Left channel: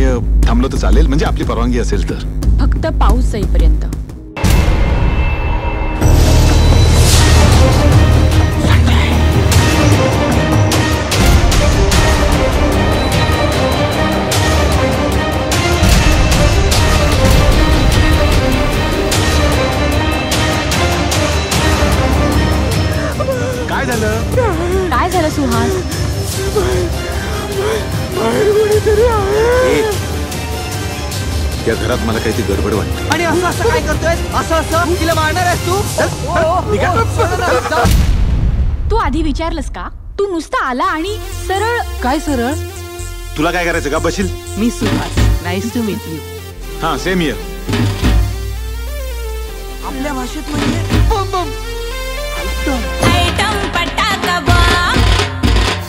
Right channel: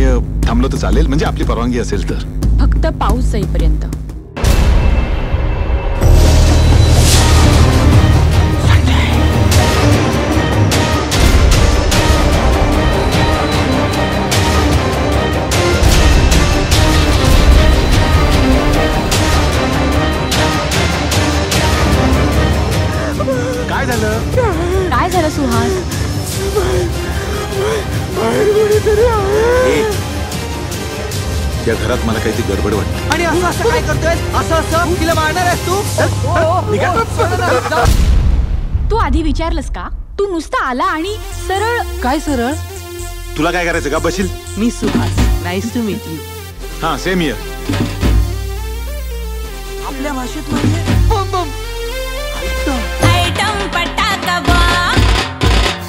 मी थांबलो तर चालेल, म्हणजे आपली परवानगी असेल तर. फक्त पाऊस जाईपर्यंत. काय झालं? काय झालं सुहास? या घरात मला काहीतरी गडबड वाटते. आणि असं असं काय करतोय? असं तिला मारणार आहेस तू? तू आधी विचारलंस का? तू नुसता आला आणि सरळ. काय सरळ? तुला काय करायचं का? बशील. मी Suhas, nice to meet you. हा, सेम हियर. आपल्या भाषेत म्हणजे बम बम. आयटम पटाका बम,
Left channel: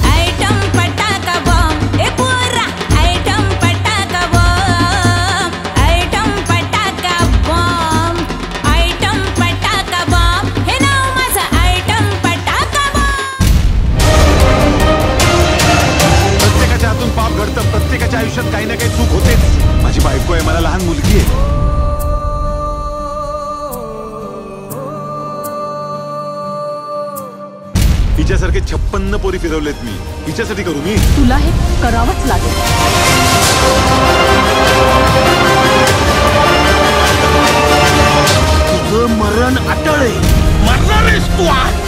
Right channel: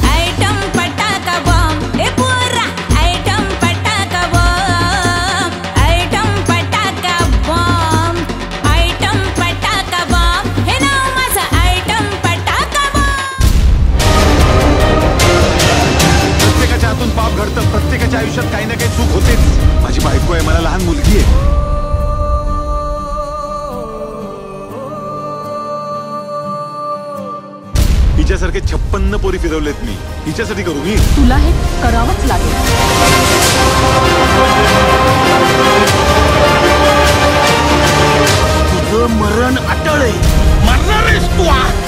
आयटम पटाका बम, ए पोरा आयटम पटाका बम, आयटम पटाका बम, आयटम पटाका बम, हे नाव माझं आयटम पटाका बम. प्रत्येकाच्या हातून पाप घडतं, प्रत्येकाच्या आयुष्यात काही ना काही चूक होतेच. माझी बायको आहे, मला लहान मुलगी आहे. हिच्यासारखे 56 पोरी फिरवलेत मी. हिच्यासाठी करू मी? तुला हे करावंच लागेल. तुझं मरण अटळ आहे. मरणार आहेस तू आज.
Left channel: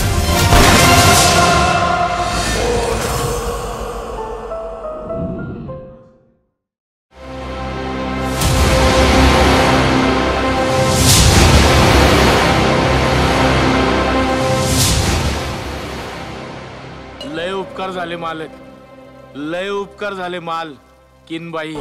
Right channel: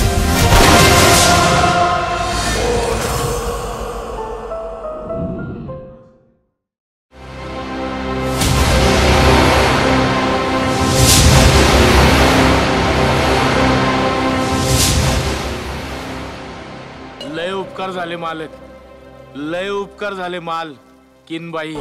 लय उपकार झाले मालक, लय उपकार झाले माल. किनबाई